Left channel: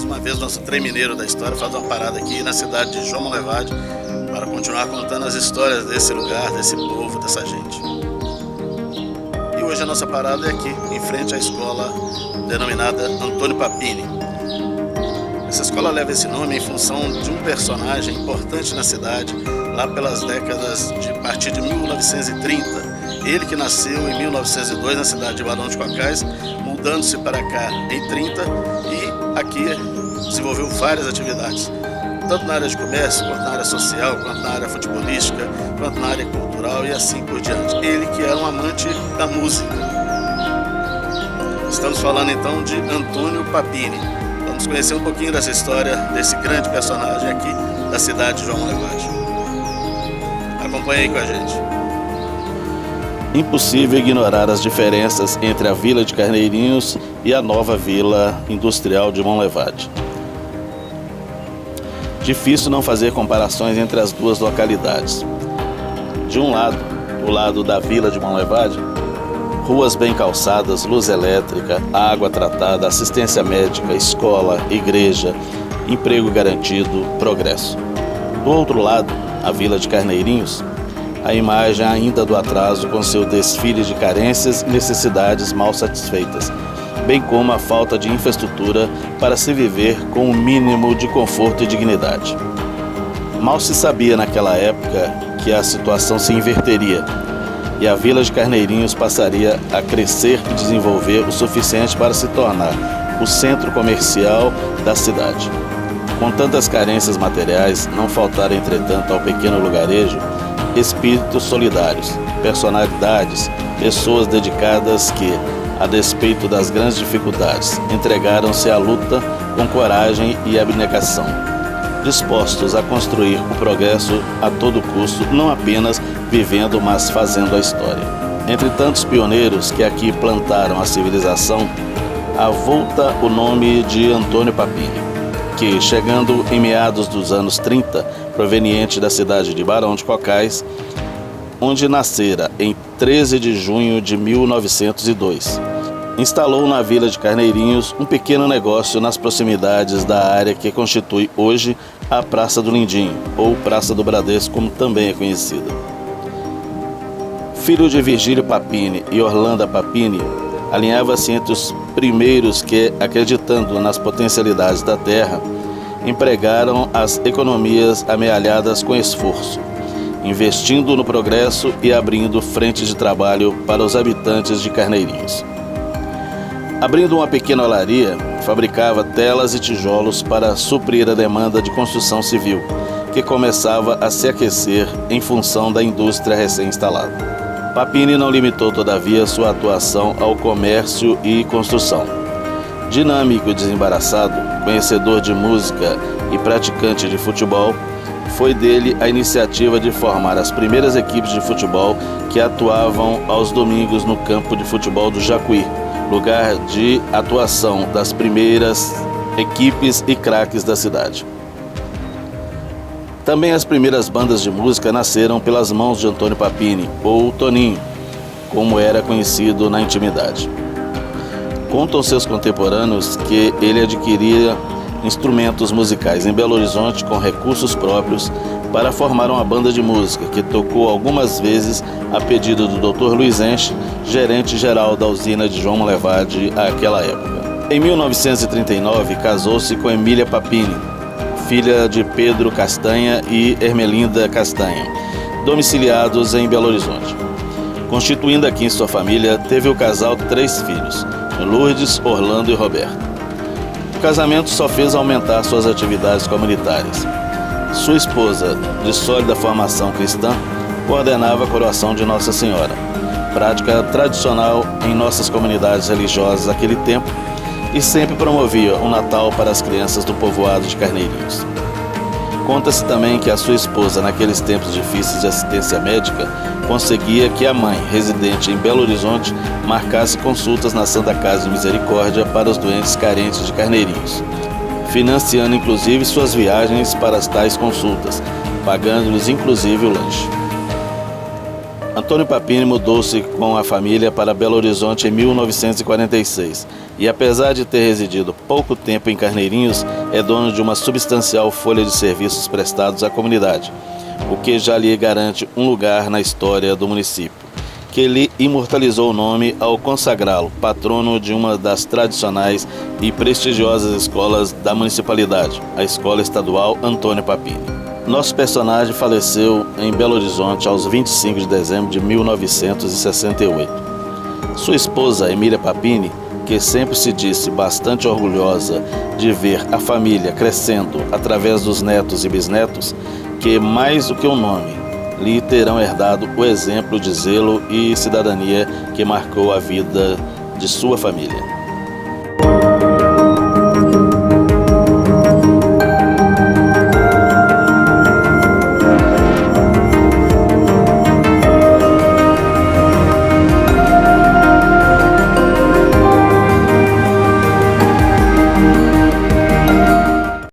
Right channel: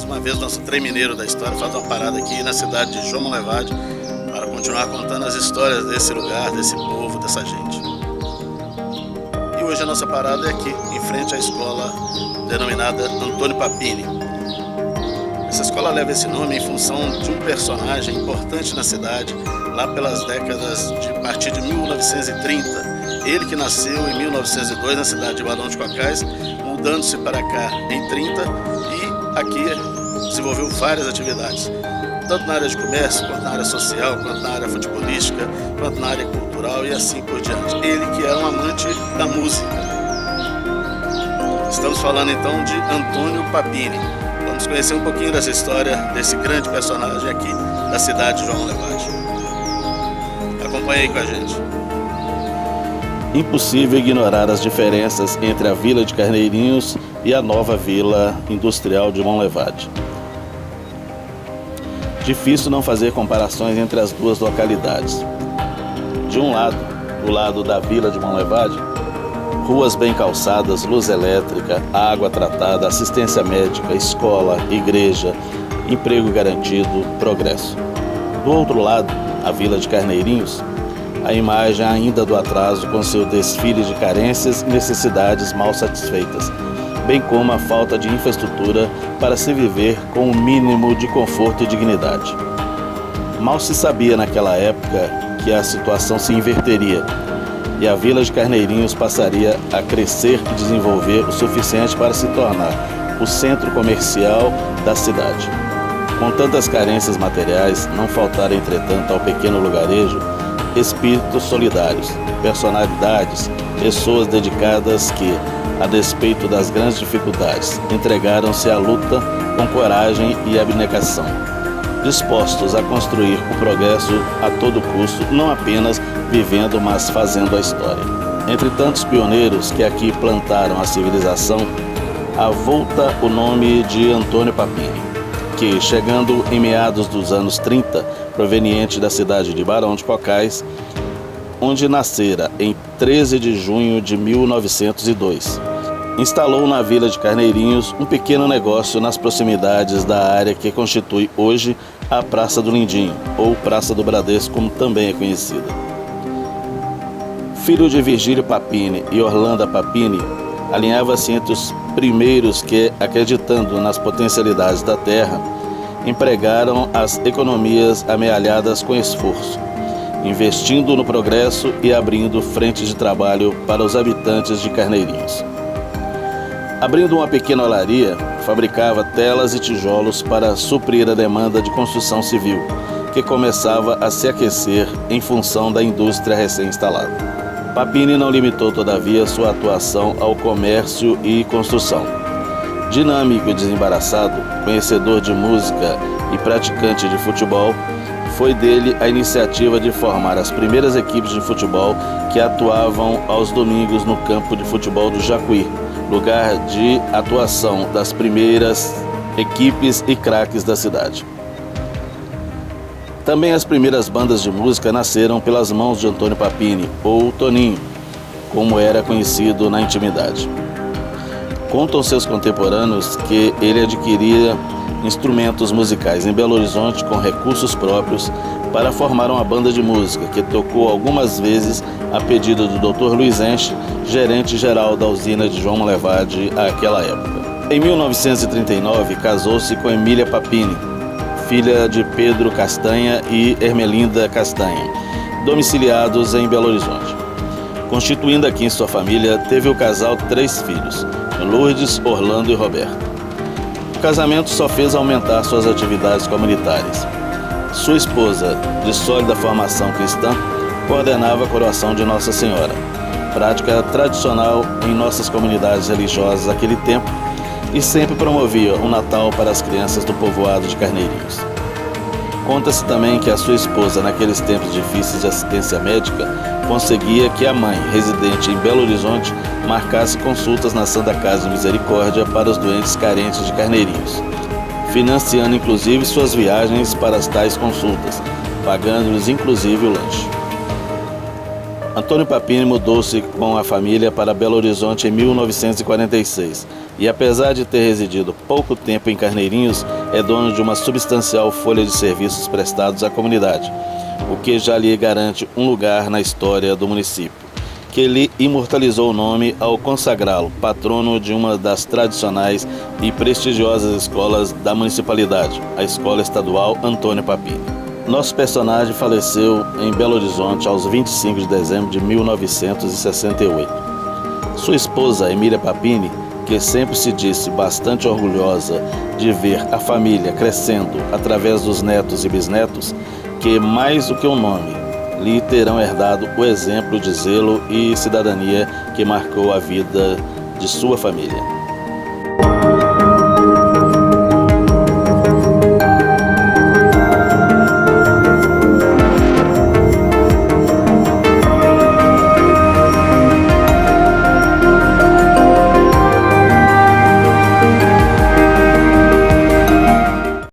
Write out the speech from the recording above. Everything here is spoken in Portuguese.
Mais uma vez, nosso trem mineiro da história faz uma parada aqui na cidade de João Monlevade para continuar contando as histórias desse lugar, desse povo, dessa gente. E hoje a nossa parada é aqui, em frente à escola denominada Antônio Papini. Essa escola leva esse nome em função de um personagem importante na cidade, lá pelas décadas de a partir de 1930. Ele que nasceu em 1902 na cidade de Barão de Cocais, mudando-se para cá em 30 e aqui desenvolveu várias atividades, tanto na área de comércio, quanto na área social, quanto na área futebolística, quanto na área cultural e assim por diante. Ele que era um amante da música. Estamos falando então de Antônio Papini. Vamos conhecer um pouquinho dessa história desse grande personagem aqui da cidade de João Monlevade. Acompanhe aí com a gente. Impossível ignorar as diferenças entre a Vila de Carneirinhos e a nova Vila Industrial de Monlevade. Difícil não fazer comparações entre as duas localidades. De um lado, o lado da Vila de Monlevade, ruas bem calçadas, luz elétrica, água tratada, assistência médica, escola, igreja, emprego garantido, progresso. Do outro lado, a Vila de Carneirinhos, a imagem ainda do atraso com seu desfile de carências e necessidades mal satisfeitas, bem como a falta de infraestrutura para se viver com o mínimo de conforto e dignidade. Mal se sabia naquela época que a situação se inverteria e a Vila de Carneirinhos passaria a crescer e desenvolver o suficiente para se tornar o centro comercial da cidade. Com tantas carências materiais, não faltaram, entretanto, ao pequeno lugarejo espíritos solidários, personalidades, pessoas dedicadas que, a despeito das grandes dificuldades, entregaram-se à luta com coragem e abnegação, dispostos a construir o progresso a todo custo, não apenas vivendo, mas fazendo a história. Entre tantos pioneiros que aqui plantaram a civilização, avulta o nome de Antônio Papini, que, chegando em meados dos anos 30, proveniente da cidade de Barão de Cocais, onde nascera em 13 de junho de 1902, instalou na Vila de Carneirinhos um pequeno negócio nas proximidades da área que constitui hoje a Praça do Lindinho, ou Praça do Bradesco, como também é conhecida. Filho de Virgílio Papini e Orlando Papini, alinhava-se entre os primeiros que, acreditando nas potencialidades da terra, empregaram as economias amealhadas com esforço, investindo no progresso e abrindo frentes de trabalho para os habitantes de Carneirinhos. Abrindo uma pequena olaria, fabricava telas e tijolos para suprir a demanda de construção civil, que começava a se aquecer em função da indústria recém-instalada. Papini não limitou, todavia, sua atuação ao comércio e construção. Dinâmico e desembaraçado, conhecedor de música e praticante de futebol, foi dele a iniciativa de formar as primeiras equipes de futebol que atuavam aos domingos no campo de futebol do Jacuí, lugar de atuação das primeiras equipes e craques da cidade. Também as primeiras bandas de música nasceram pelas mãos de Antônio Papini, ou Toninho, como era conhecido na intimidade. Contam seus contemporâneos que ele adquiria instrumentos musicais em Belo Horizonte com recursos próprios para formar uma banda de música que tocou algumas vezes a pedido do Dr. Luiz Enche, gerente-geral da usina de João Monlevade àquela época. Em 1939, casou-se com Emília Papini, filha de Pedro Castanha e Ermelinda Castanha, domiciliados em Belo Horizonte. Constituindo aqui em sua família, teve o casal 3 filhos, Lourdes, Orlando e Roberto. O casamento só fez aumentar suas atividades comunitárias. Sua esposa, de sólida formação cristã, coordenava a coroação de Nossa Senhora, prática tradicional em nossas comunidades religiosas naquele tempo, e sempre promovia o Natal para as crianças do povoado de Carneirinhos. Conta-se também que a sua esposa, naqueles tempos difíceis de assistência médica, conseguia que a mãe, residente em Belo Horizonte, marcasse consultas na Santa Casa de Misericórdia para os doentes carentes de Carneirinhos, financiando inclusive suas viagens para as tais consultas, pagando-lhes inclusive o lanche. Antônio Papini mudou-se com a família para Belo Horizonte em 1946 e, apesar de ter residido pouco tempo em Carneirinhos, é dono de uma substancial folha de serviços prestados à comunidade, o que já lhe garante um lugar na história do município, que lhe imortalizou o nome ao consagrá-lo patrono de uma das tradicionais e prestigiosas escolas da municipalidade, a Escola Estadual Antônio Papini. Nosso personagem faleceu em Belo Horizonte aos 25 de dezembro de 1968. Sua esposa, Emília Papini, que sempre se disse bastante orgulhosa de ver a família crescendo através dos netos e bisnetos, que mais do que um nome, lhe terão herdado o exemplo de zelo e cidadania que marcou a vida de sua família.